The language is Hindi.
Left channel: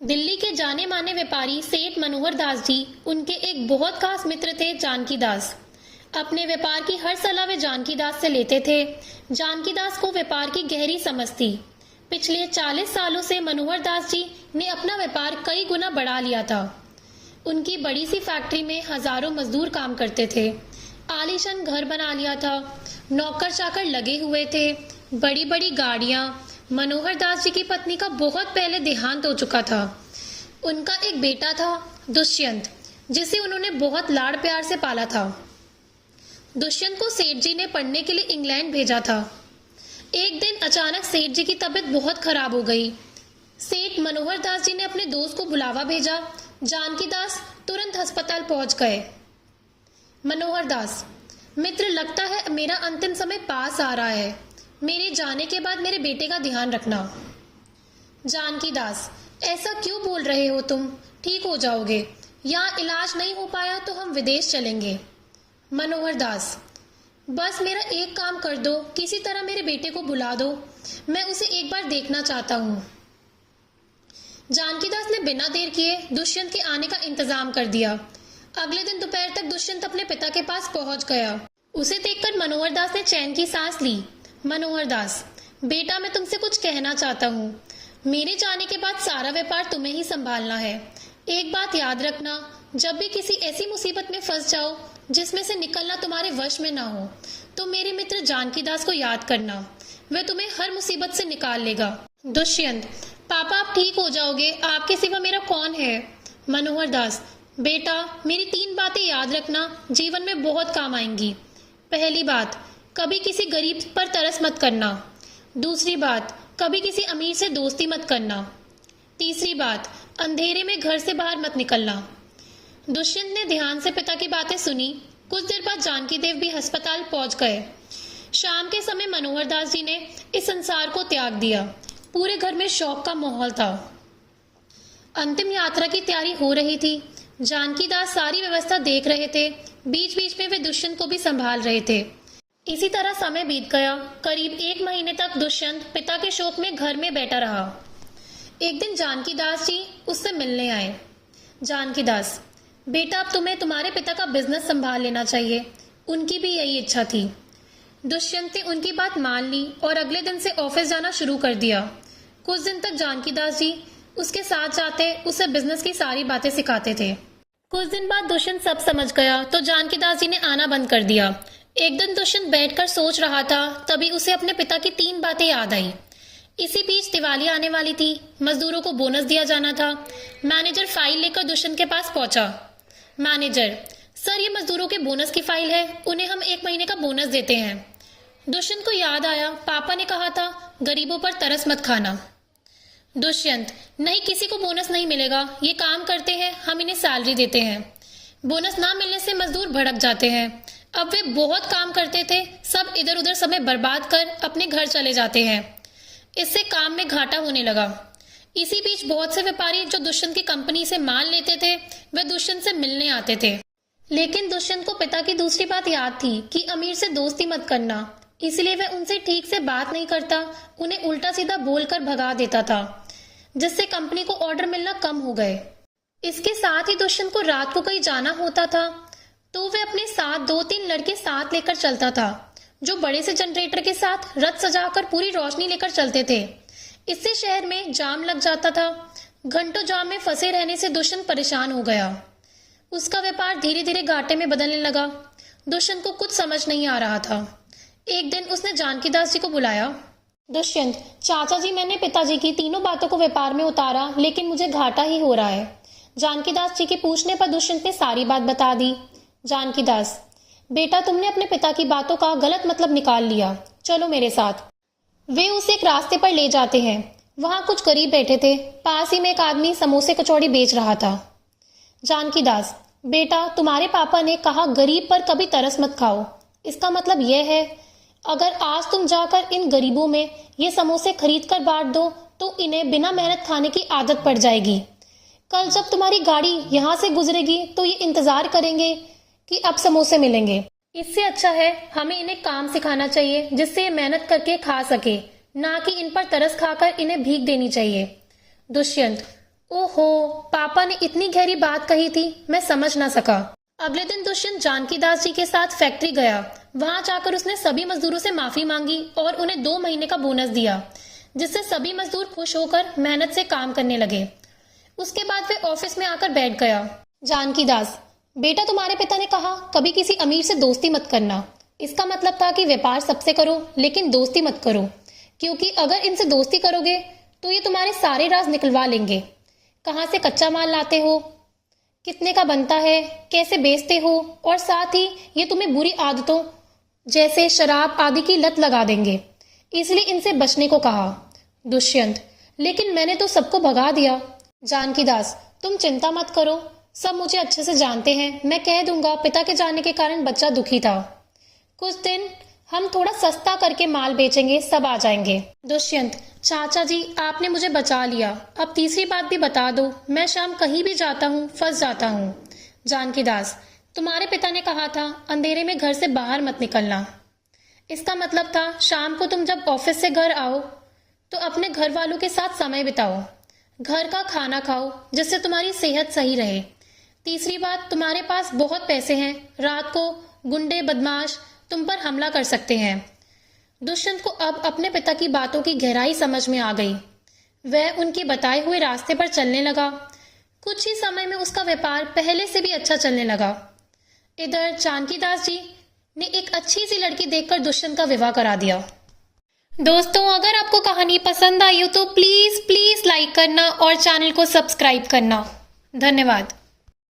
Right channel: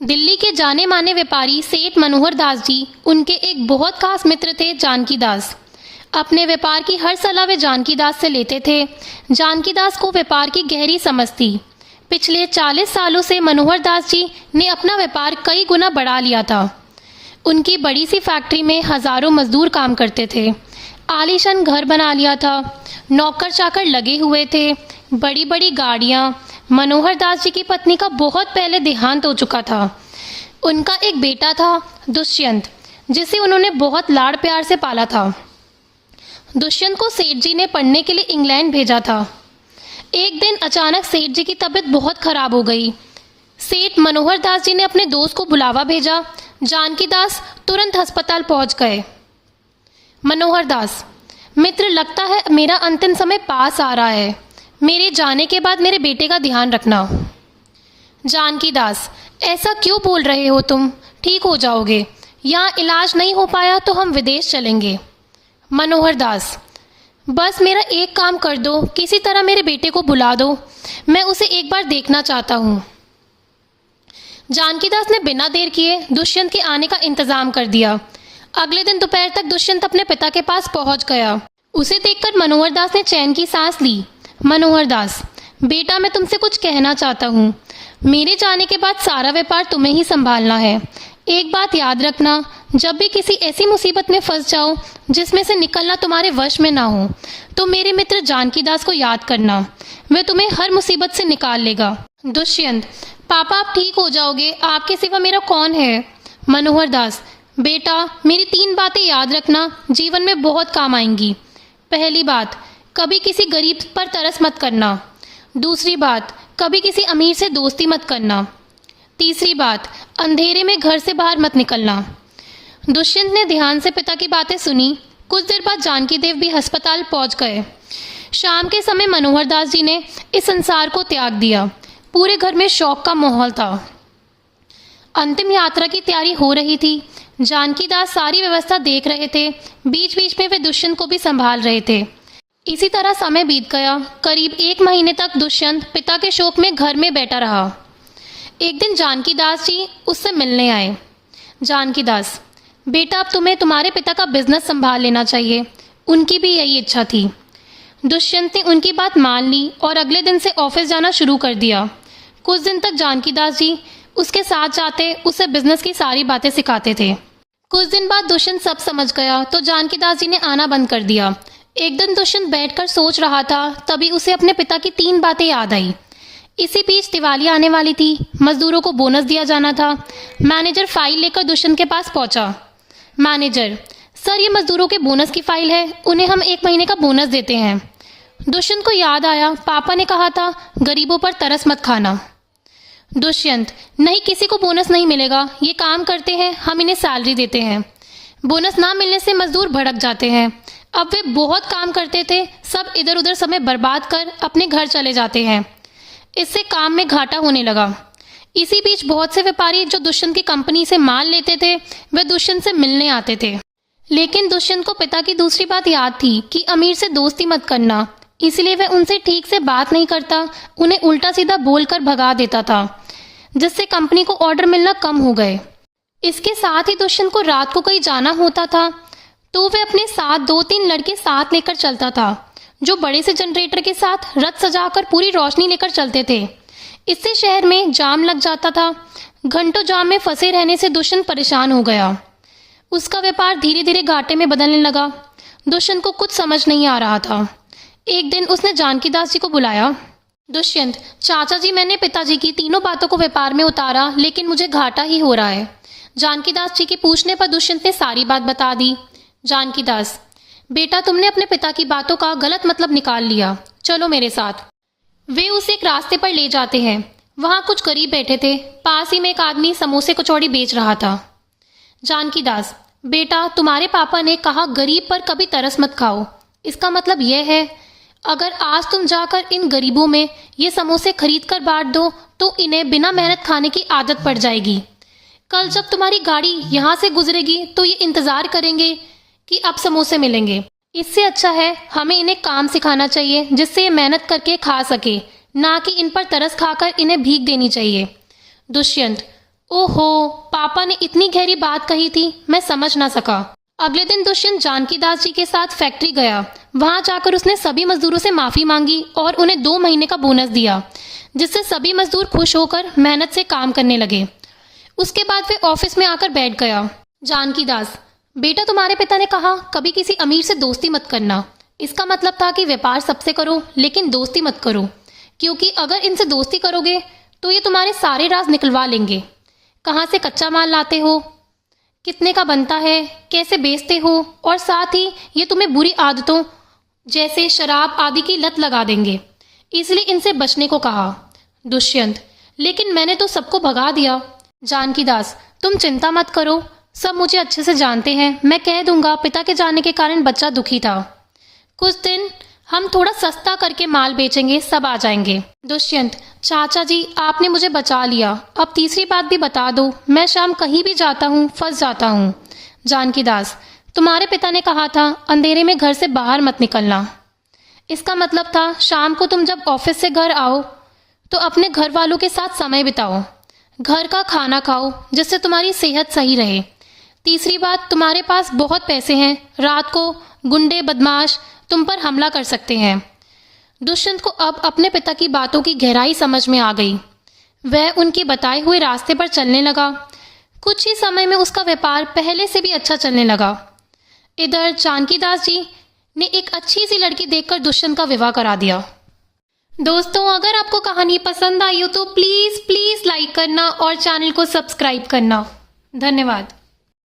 दिल्ली के जाने माने व्यापारी सेठ मनोहर दास जी, उनके एक बहुत खास मित्र थे जानकी दास। अपने व्यापार की हर सलाह वे जानकी दास से लेते थे। जानकी दास को व्यापार की गहरी समझ थी। पिछले 40 सालों से मनोहर दास जी ने अपना व्यापार कई गुना बढ़ा लिया था। उनकी बड़ी सी फैक्ट्री में हजारों मजदूर काम करते थे। आलीशान घर बना लिया था। नौकर चाकर लगे हुए थे। बड़ी बड़ी गाड़ियां। मनोहर दास जी की पत्नी का बहुत पहले देहांत हो चुका था। उनका एक बेटा था दुष्यंत, जिसे उन्होंने बहुत लाड़ प्यार से पाला था। दुष्यंत को सेठ जी ने पढ़ने के लिए इंग्लैंड भेजा था। एक दिन अचानक सेठ जी की तबीयत बहुत खराब हो गई। सेठ मनोहर दास जी ने अपने दोस्त को बुलावा भेजा। जानकी दास तुरंत अस्पताल पहुंच गए। मनोहर दास: मित्र, लगता है मेरा अंतिम समय पास आ रहा है। मेरे जाने के बाद मेरे बेटे का ध्यान रखना। जानकी दास: ऐसा क्यों बोल रहे हो तुम? ठीक हो जाओगे। यहाँ इलाज नहीं हो पाया तो हम विदेश चलेंगे। मनोहर दास: बस मेरा एक काम कर दो, किसी तरह मेरे बेटे को बुला दो। मैं उसे एक बार देखना चाहता हूँ। जानकी दास ने बिना देर किए दुष्यंत के आने का इंतजाम कर दिया। अगले दिन दोपहर तक दुष्यंत अपने पिता के पास पहुंच गया। उसे देखकर मनोहर दास ने चैन की सांस ली। मनोहर दास: बेटा, मैं तुमसे कुछ कहना चाहता हूँ। मेरे जाने के बाद सारा व्यापार तुम्हें ही संभालना है। एक बात याद रखना, जब भी किसी ऐसी मुसीबत में फंस जाओ जिसमें से निकलना तुम्हारे वश में ना हो, तो मेरे मित्र जानकी दास को याद करना। वह तुम्हें हर मुसीबत से निकाल लेगा। दुष्यंत: पापा, आप ठीक हो जाओगे। आपके सिवा मेरा कौन है? मनोहर दास: बेटा, मेरी 3 बातें याद रखना, जीवन में बहुत काम आएंगी। पहली बात, कभी किसी गरीब पर तरस मत करना। दूसरी बात, कभी किसी अमीर से दोस्ती मत करना। तीसरी बात, अंधेरे में घर से बाहर मत निकलना। दुष्यंत ने ध्यान से पिता की बातें सुनी। कुछ देर बाद जानकी देव भी अस्पताल पहुंच गए। शाम के समय मनोहर दास जी ने इस संसार को त्याग दिया। पूरे घर में शोक का माहौल था। अंतिम यात्रा की तैयारी हो रही थी। जानकी दास सारी व्यवस्था देख रहे थे। बीच बीच में वे दुष्यंत को भी संभाल रहे थे। इसी तरह समय बीत गया। करीब 1 महीने तक दुष्यंत पिता के शोक में घर में बैठा रहा। एक दिन जानकी दास जी उससे मिलने आए। जानकी दास: बेटा, अब तुम्हें तुम्हारे पिता का बिजनेस संभाल लेना चाहिए। उनकी भी यही इच्छा थी। दुष्यंत ने उनकी बात मान ली और अगले दिन से ऑफिस जाना शुरू कर दिया। कुछ दिन तक जानकी दास जी उसके साथ जाते, उसे बिजनेस की सारी बातें सिखाते थे। कुछ दिन बाद दुष्यंत सब समझ गया तो जानकी दास जी ने आना बंद कर दिया। एक दिन दुष्यंत बैठकर सोच रहा था, तभी उसे अपने पिता की 3 बातें याद आई। इसी बीच दिवाली आने वाली थी। मजदूरों को बोनस दिया जाना था। मैनेजर फाइल लेकर दुष्यंत के पास पहुंचा। मैनेजर: सर, ये मजदूरों के बोनस की फाइल है। उन्हें हम 1 महीने का बोनस देते हैं। दुष्यंत को याद आया, पापा ने कहा था गरीबों पर तरस मत खाना। दुष्यंत: नहीं, किसी को बोनस नहीं मिलेगा। ये काम करते हैं, हम इन्हें सैलरी देते हैं। बोनस ना मिलने से मजदूर भड़क जाते हैं। अब वे बहुत काम करते थे, सब इधर उधर समय बर्बाद कर अपने घर चले जाते हैं। इससे काम में घाटा होने लगा। इसी बीच बहुत से व्यापारी जो दुष्यंत की कंपनी से माल लेते थे, वे दुष्यंत से मिलने आते थे। लेकिन दुष्यंत को पिता की दूसरी बात याद थी कि अमीर से दोस्ती मत करना। इसलिए वह उनसे ठीक से बात नहीं करता, उन्हें उल्टा सीधा बोलकर भगा देता था, जिससे कंपनी को ऑर्डर मिलना कम हो गए। इसके साथ ही दुष्यंत को रात को कहीं जाना होता था तो वे अपने साथ 2-3 लड़के साथ लेकर चलता था, जो बड़े से जनरेटर के साथ रथ सजाकर पूरी रोशनी लेकर चलते थे। इससे शहर में जाम लग जाता था। घंटों जाम में फंसे रहने से दुष्यंत परेशान हो गया। उसका व्यापार धीरे धीरे घाटे में बदलने लगा। दुष्यंत को कुछ समझ नहीं आ रहा था। एक दिन उसने जानकी दास जी को बुलाया। दुष्यंत: चाचा जी, मैंने पिताजी की तीनों बातों को व्यापार में उतारा, लेकिन मुझे घाटा ही हो रहा है। जानकी दास जी के पूछने पर दुष्यंत ने सारी बात बता दी। जानकी दास: बेटा, तुमने अपने पिता की बातों का गलत मतलब निकाल लिया। चलो मेरे साथ। वे उसे एक रास्ते पर ले जाते हैं। वहां कुछ गरीब बैठे थे। पास ही में एक आदमी समोसे कचौड़ी बेच रहा था। जानकी दास: बेटा, तुम्हारे पापा ने कहा गरीब पर कभी तरस मत खाओ। इसका मतलब यह है, अगर आज तुम जाकर इन गरीबों में ये समोसे खरीद कर बांट दो तो इन्हें बिना मेहनत खाने की आदत पड़ जाएगी। कल जब तुम्हारी गाड़ी यहाँ से गुजरेगी तो ये इंतजार करेंगे कि अब समोसे मिलेंगे। इससे अच्छा है हमें इन्हें काम सिखाना चाहिए जिससे ये मेहनत करके खा सके, ना कि इन पर तरस खाकर इन्हें भीख देनी चाहिए। दुष्यंत: ओहो, पापा ने इतनी गहरी बात कही थी, मैं समझ ना सका। अगले दिन दुष्यंत जानकीदास जी के साथ फैक्ट्री गया। वहां जाकर उसने सभी मजदूरों से माफी मांगी और उन्हें 2 महीने का बोनस दिया, जिससे सभी मजदूर खुश होकर मेहनत से काम करने लगे। उसके बाद वे ऑफिस में आकर बैठ गया। जानकीदास, बेटा तुम्हारे पिता ने कहा कभी किसी अमीर से दोस्ती मत करना। इसका मतलब था कि व्यापार सबसे करो लेकिन दोस्ती मत करो, क्योंकि अगर इनसे दोस्ती करोगे तो ये तुम्हारे सारे राज निकलवा लेंगे। कहाँ से कच्चा माल लाते हो, कितने का बनता है, कैसे बेचते हो, और साथ ही ये तुम्हें बुरी आदतों जैसे शराब आदि की लत लगा देंगे। इसलिए इनसे बचने को कहा। दुष्यंत, लेकिन मैंने तो सबको भगा दिया। जानकीदास, तुम चिंता मत करो, सब मुझे अच्छे से जानते हैं। मैं कह दूंगा पिता के जाने के कारण बच्चा दुखी था। कुछ दिन हम थोड़ा सस्ता करके माल बेचेंगे, सब आ जाएंगे। दुष्यंत, चाचा जी आपने मुझे बचा लिया, अब तीसरी बात भी बता दो। मैं शाम कहीं भी जाता हूँ फंस जाता हूँ। जानकीदास, तुम्हारे पिता ने कहा था अंधेरे में घर से बाहर मत निकलना। इसका मतलब था शाम को तुम जब ऑफिस से घर आओ तो अपने घर वालों के साथ समय बिताओ, घर का खाना खाओ जिससे तुम्हारी सेहत सही रहे। तीसरी बात, तुम्हारे पास बहुत पैसे हैं, रात को गुंडे बदमाश तुम पर हमला कर सकते हैं। दुष्यंत को अब अपने पिता की बातों की गहराई समझ में आ गई। वह उनके बताए हुए रास्ते पर चलने लगा। कुछ ही समय में उसका व्यापार पहले से भी अच्छा चलने लगा। इधर जानकीदास जी ने एक अच्छी सी लड़की देखकर दुष्यंत का विवाह करा दिया। दोस्तों, अगर आपको कहानी पसंद आई हो तो प्लीज लाइक करना और चैनल को सब्सक्राइब करना। धन्यवाद।